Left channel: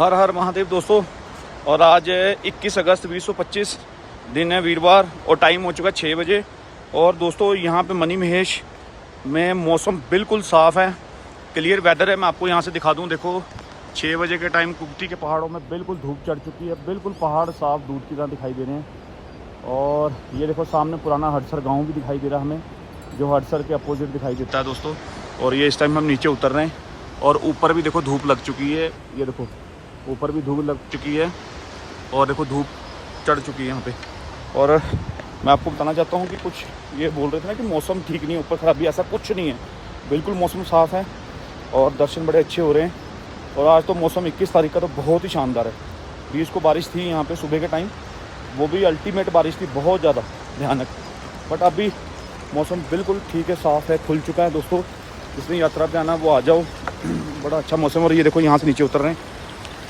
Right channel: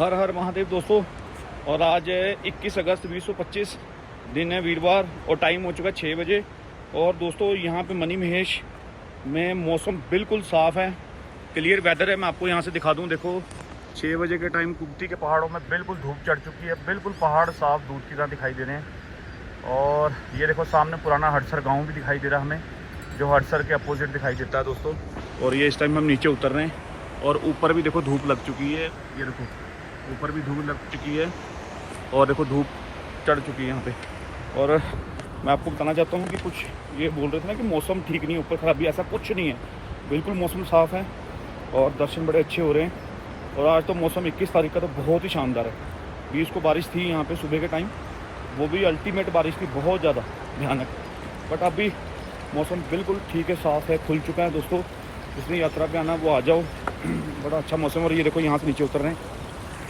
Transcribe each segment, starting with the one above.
हर हर महादेव दोस्तों। और आज 21 अगस्त 2025 दिन है वीरवार और टाइम हो चुका है 6 बजे। और दोस्तों यहाँ पे मनी महेश में मौसम बिल्कुल साफ़ है, क्लियर वेदर है। मैं आपको यहाँ से दिखा दूँ, देखो 6 बजे के टाइम कुप्ती के पहाड़ों में बिल्कुल धूप चढ़ चुकी है, बिल्कुल पहाड़ साफ दूध की तरह दिखाई दे रहे हैं। और ये देखो सामने पुराना हड़सर गाँव भी दिखाई दे रहा है हमें, जो हड़सर के अपोजिट दिखाई देता है दोस्तों। और ये इस टाइम हम नीचे उतर रहे हैं और ऊपर भी देखो धूप लग चुकी है, ये देखो ऊपर भी धूप लग चुकी है और देखो धूप चढ़ चुकी है यहाँ पे। और मैं आपको बताना चाहता हूँ कि कुछ ये बोल रहे थे ना कि मौसम ठीक नहीं है, ऊपर खराबी, ऐसा कुछ नहीं है, बिल्कुल मौसम साफ़ है और दर्शन बड़े अच्छे हो रहे हैं। और आज तो मौसम 21 तारीख का तो बहुत ही शानदार है। 20 को बारिश थी यहाँ पे सुबह के टाइम, वो भी अल्टीमेट बारिश थी, बहुत ज़्यादा भयानक। बट अभी मौसम बिल्कुल ठीक है, साफ़ है, खुल चुका है दोस्तों। जिसने यात्रा पे आना वो आ जाओ, बड़ा अच्छा मौसम। और ये देखो यहाँ से नीचे उतर रहे हैं,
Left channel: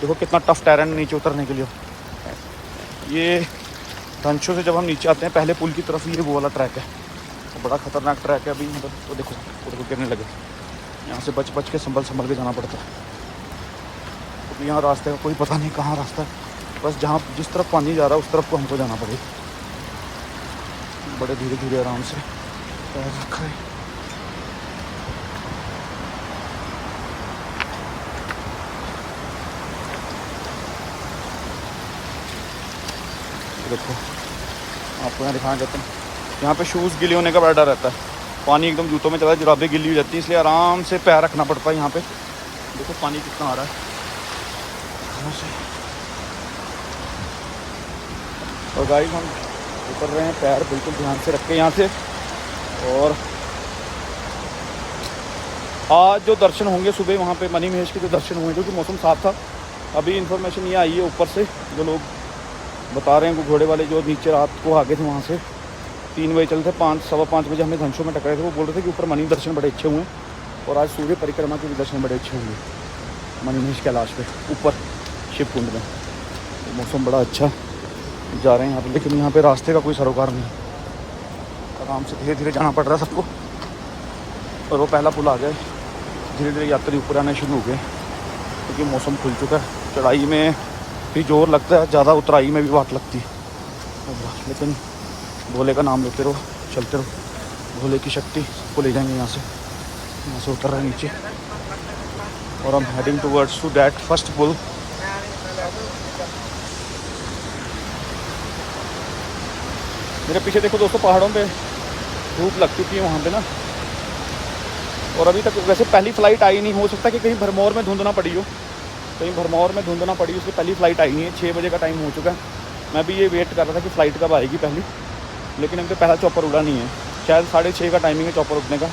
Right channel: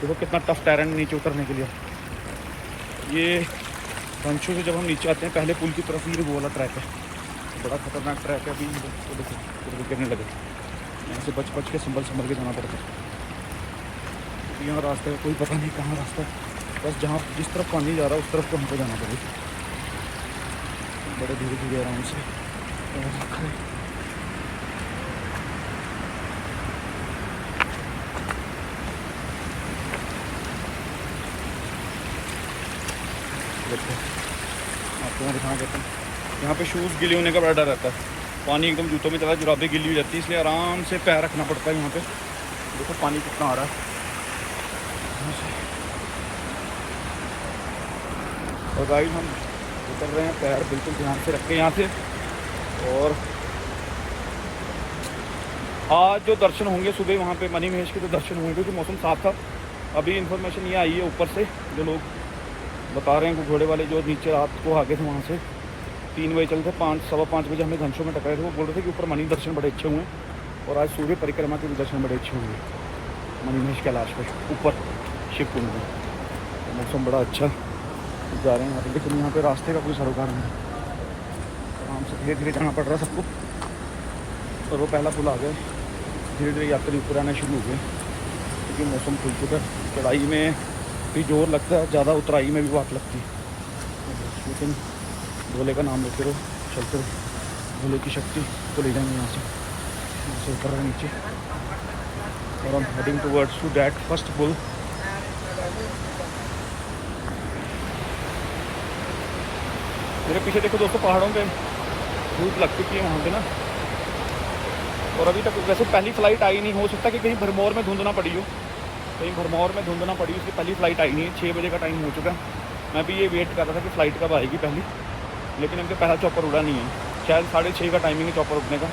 देखो कितना टफ टेरेन नीचे उतरने के लिए। ये धनशो से जब हम नीचे आते हैं पहले पुल की तरफ, ये वो वाला ट्रैक है, वो बड़ा ख़तरनाक ट्रैक है। अभी वो देखो गिरने लगे, यहाँ से बच बच के संभल के जाना पड़ता है, क्योंकि यहाँ रास्ते का कोई पता नहीं कहाँ रास्ता है। बस जहाँ जिस तरफ पानी जा रहा है उस तरफ को हमको जाना पड़ेगा। बड़े धीरे धीरे आराम से पैर रख रहे। देखो आपको यहाँ दिखाना चाहता हूँ, यहाँ पे शूज़ गिले होने का बड़ा डर रहता है। पानी एकदम जूतों में चला है, जुराबें गिली हो जाती है, इसलिए आराम से पैर रखना पड़ता है यहाँ पे। देखो पानी कितना आ रहा है यहाँ से। और गाइस हम उतर रहे हैं, पैर बिल्कुल ध्यान से रख के यहाँ से। और आज जो दर्शन होंगे सुबह वहाँ पे मनी महेश के जो दर्शन होंगे, क्योंकि मौसम साफ था। अभी इन्फॉर्मेशन ये आई है ऊपर से, जो लोग बता रहे हैं वो घोड़े वाले जो नीचे रात को आगे थे वहाँ से 3 बजे चलते, 5-5:15 बजे हमें धनशो में टकराए थे। वो बोल रहे थे कि ऊपर मनी दर्शन बड़े अच्छे हुए और आज सूर्य परिक्रमा के भी दर्शन बड़े अच्छे हुए मनी महेश कैलाश पे ऊपर शिव कुंड में। तो मौसम बड़ा अच्छा जा रहे हैं यहाँ पर, लेकिन यहाँ पे रास्ते का कोई सरोकार नहीं, आराम से धीरे धीरे जाना पड़ रहा है सबको। और वो पहला पुल आ गया, धीरे धीरे यात्री ऊपर आने शुरू हो गए, क्योंकि मौसम खुल चुका है। चढ़ाई में भी जोर लगता है, ज़्यादा उतराई में भी वाट लगती है, लेकिन भोले का नाम लेते रहो, चलते रहो, भोले की शक्ति को ले जाएंगे। यहाँ से उतर रहे हैं नीचे और हम heading towards to that first पुल। मेरे पीछे देखो दोस्तों, पहाड़ों पे धूप लग चुकी है वहाँ पे ना। और अभी तक वैसे पहली फ़्लाइट आई नहीं, हो सकता कि कहीं भरमौर में धुंध ना पड़ी हो, कहीं भरमौर में धुंध ना पड़ी, उसकी पहली फ़्लाइट आई नहीं है। 6 बजे का टाइम हो चुका है। मैं भी ये वेट कर रहा था कि फ़्लाइट कब आएगी पहली, लेकिन अभी तो पहला चॉपर उड़ा नहीं है। शायद 6:30 का टाइमिंग है चॉपर उड़ने का।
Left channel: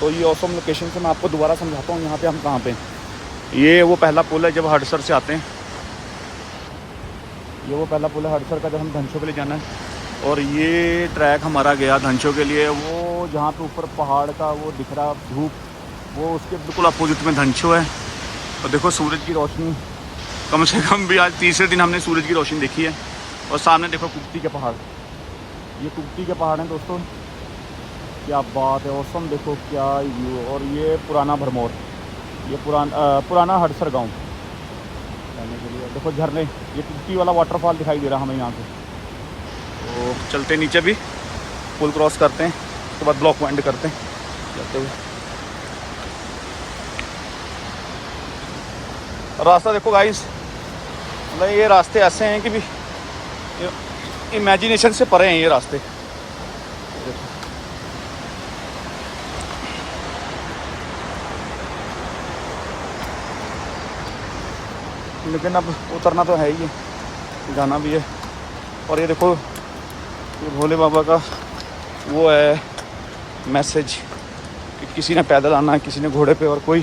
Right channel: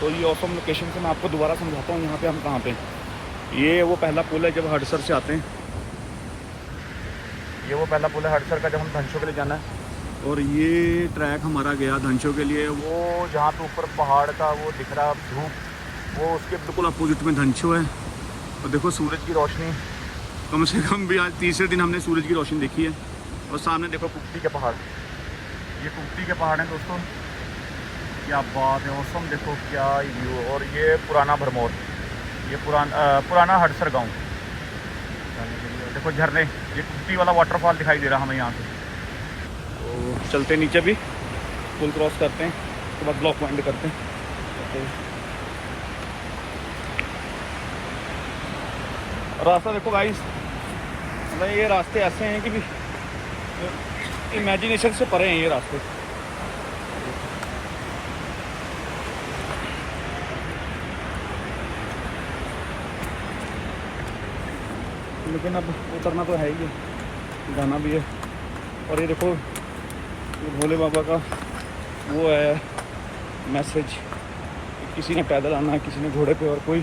तो ये ऑसम लोकेशन से मैं आपको दोबारा समझाता हूँ यहाँ पे हम कहाँ पे हैं। ये वो पहला पुल है जब हड़सर से आते हैं, ये वो पहला पुल है हड़सर का जब हम धनशो के लिए जाना है। और ये ट्रैक हमारा गया धनशो के लिए, वो जहाँ पे ऊपर पहाड़ का वो दिख रहा धूप, वो उसके बिल्कुल अपोजिट में धनशो है। और देखो सूरज की रोशनी, कम से कम भी आज तीसरे दिन हमने सूरज की रोशनी देखी है। और सामने देखो कुप्ती के पहाड़, ये कुप्ती के पहाड़ हैं दोस्तों, क्या बात है, औसम देखो क्या व्यू। और ये पुराना भरमौर, ये पुराना हड़सर गांव जाने के लिए। देखो झरने, ये कुप्ती वाला वाटरफॉल दिखाई दे रहा हमें यहाँ से। तो चलते नीचे भी पुल क्रॉस करते हैं, उसके बाद ब्लॉक एंड करते हैं चलते हुए। रास्ता देखो गाइस, मतलब ये रास्ते ऐसे हैं कि भी इमेजिनेशन से परे हैं ये रास्ते। लेकिन अब उतरना तो है ही है, जाना भी है। और ये देखो ये भोले बाबा का वो है मैसेज कि किसी ने पैदल आना है, किसी ने घोड़े पे, और कोई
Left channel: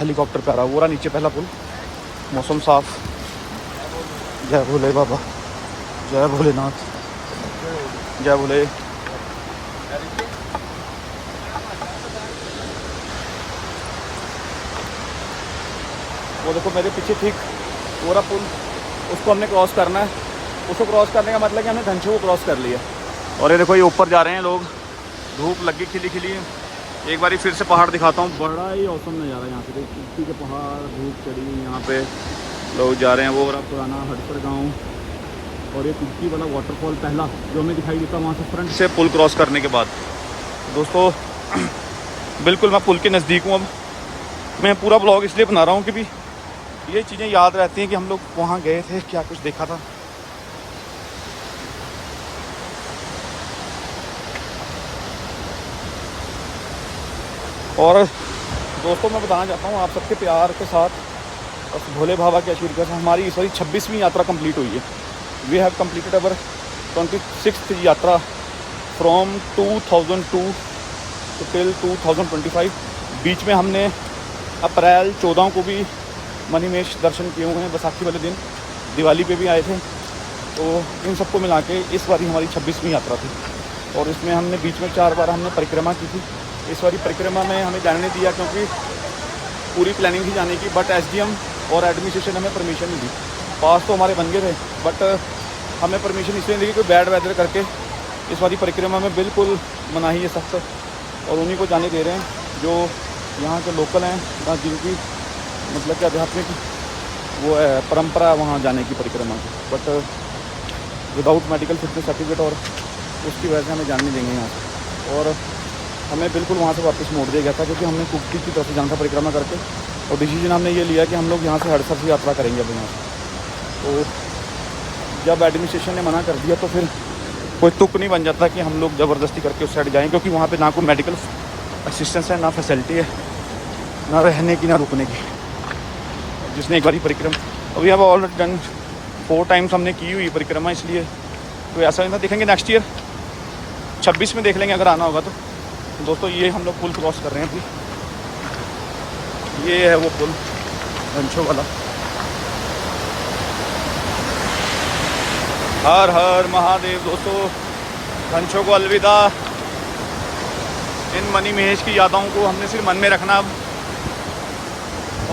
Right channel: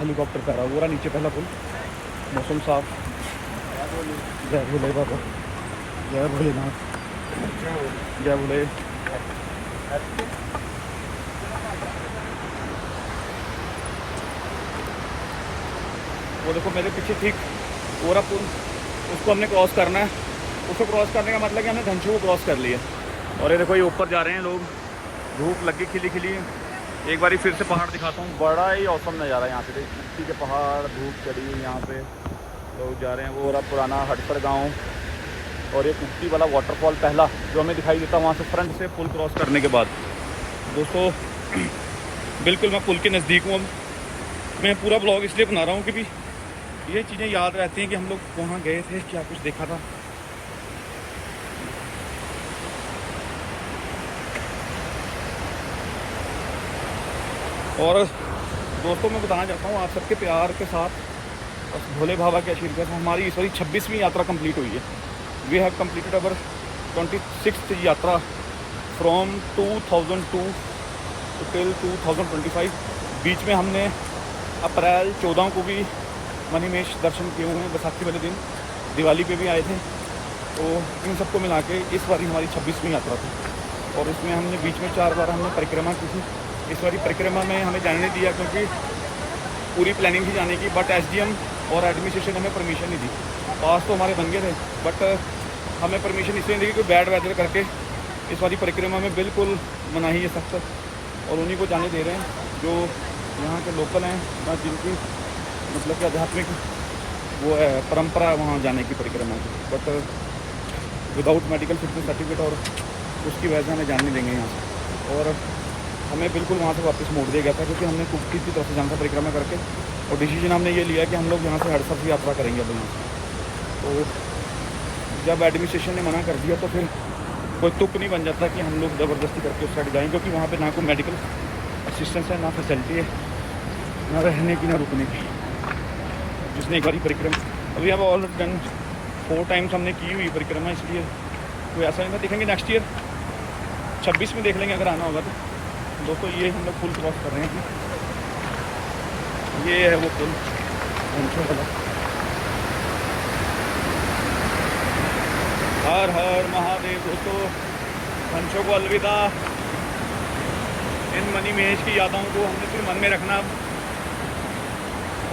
हेलीकॉप्टर का रहा। वो रहा नीचे पहला पुल, मौसम साफ। जय भोले बाबा, जय भोलेनाथ, जय भोले। वो देखो मेरे पीछे ठीक वो रहा पुल, उसको हमने क्रॉस करना है। उसको क्रॉस करने का मतलब कि हमने धनशो को क्रॉस कर लिया। और ये देखो ये ऊपर जा रहे हैं लोग, धूप लगी खिली खिली। एक बारी फिर से पहाड़ दिखाता हूँ, बड़ा ही औसम नज़ारा यहाँ पे, के पहाड़, धूप चढ़ी यहाँ पे, लोग जा रहे हैं वो रहा पुराना हटकर गाँव, और ये कुर्ती वाला वाटरफॉल पहला जो हमें दिखाई देता वहाँ से फ्रंट से पुल क्रॉस करने के बाद। दोस्तों बिल्कुल मैं पुल के नज़दीक हूँ। अब मैं पूरा ब्लॉग इसलिए बना रहा हूँ कि भी ये चीज़ें याद रहती हैं कि हम लोग वहाँ गए थे, क्या कुछ देखा था। और दोस्तों मैं बताना चाहता हूँ आप सबके प्यार के साथ, बस भोले बाबा के आशीर्वाद से हमारी इस बारी 26वीं यात्रा कंप्लीट हुई है। We have completed our 26th यात्रा फ्रॉम 2002 टिल 2025। बीच में हमने अप्रैल 14 को भी मणिमहेश दर्शन किए हुए हैं, बैसाखी वाले दिन, दिवाली पे भी आए थे। तो इन सबको मिला के इस बारी हमारी 26वीं यात्रा थी, और इसमें हमने बीच में 4 बार हमने परिक्रमा की थी। इस बारी परिक्रमा में हमें जाने नहीं दिया क्योंकि पूरी प्लानिंग थी जाने की, बट एसडीएम और एडमिनिस्ट्रेशन हमें परमिशन नहीं दी। पास तो हमारे बन गए थे, बट हमें परमिशन इसलिए नहीं दी कि बैड वेदर करके इस बारी परिक्रमा में बिल्कुल मनाही है सख्त, और उन्हीं को जाने दे रहे हैं जो यहाँ के लोकल हैं और जिनकी मतलब कि आध्यात्मिक वो है परंपरा वहाँ जाने की परिक्रमा की, but without medical fitness certificate, और उसकी वजह से हमें जाने नहीं देंगे यहाँ से। और हमें बिल्कुल वहाँ से वापस मोड़ दिया गया था क्योंकि हमने कुफ्ती की तरफ से जाना था परिक्रमा करके, और डिसीजन हमने ये लिया कि हम लोग यहाँ से हड़सर से यात्रा करेंगे अब यहाँ से। तो जब एडमिनिस्ट्रेशन ने मना कर दिया तो फिर कोई तुक नहीं बन जाता कि हम लोग ज़बरदस्ती करके उस साइड जाएँ, क्योंकि वहाँ पे ना कोई मेडिकल असिस्टेंस है, ना फैसिलिटी है, ना रहने की, ना रुकने की। जिसने एक बारी परिक्रमा, अभी अब ऑलरेडी डन 4 टाइम्स हमने की हुई परिक्रमा, इसलिए तो ऐसा नहीं था। देखेंगे नेक्स्ट ईयर 26 में देख लेंगे अगर आना होगा तो। दोस्तों ये हम लोग पुल क्रॉस कर रहे हैं अभी, ये है वो पुल घंचो वाला। हर हर महादेव। दोस्तों घंचो को अलविदा। इन मणिमहेश की यादों को हमने सिर्फ मन में रखना अब।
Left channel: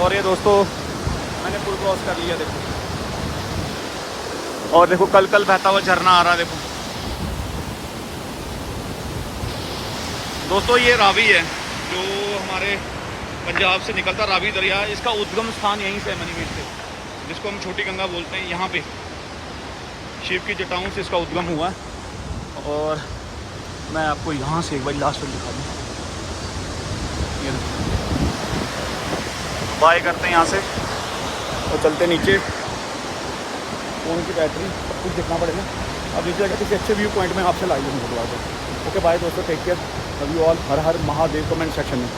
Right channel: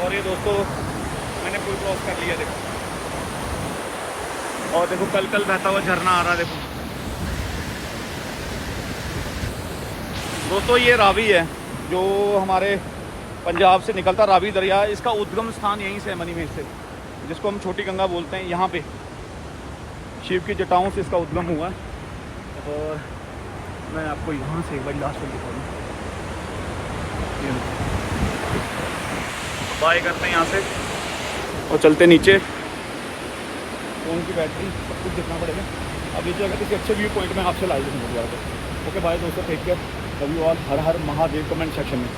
और ये दोस्तों मैंने पुल क्रॉस कर लिया, देखो, और देखो कल कल बहता हुआ झरना आ रहा है, देखो दोस्तों। ये रावी है जो हमारे पंजाब से निकलता, रावी दरिया। इसका उद्गम स्थान यहीं से है, मणिमहेश से, जिसको हम छोटी गंगा बोलते हैं। यहाँ पे शिव की जटाओं से इसका उद्गम हुआ है। और मैं आपको यहाँ से एक बार लास्ट तक दिखा दूँ। ये बाय करते हैं यहाँ से तो चलते नीचे, फ़ोन की बैटरी सब कुछ देखना पड़ेगा। अब नीचे अगर किसी अच्छे व्यू पॉइंट में आपसे लाइव दूँगा दोबारा। ओके बाय दोस्तों, take care, love you all. हर हर महादेव कमेंट सेक्शन में।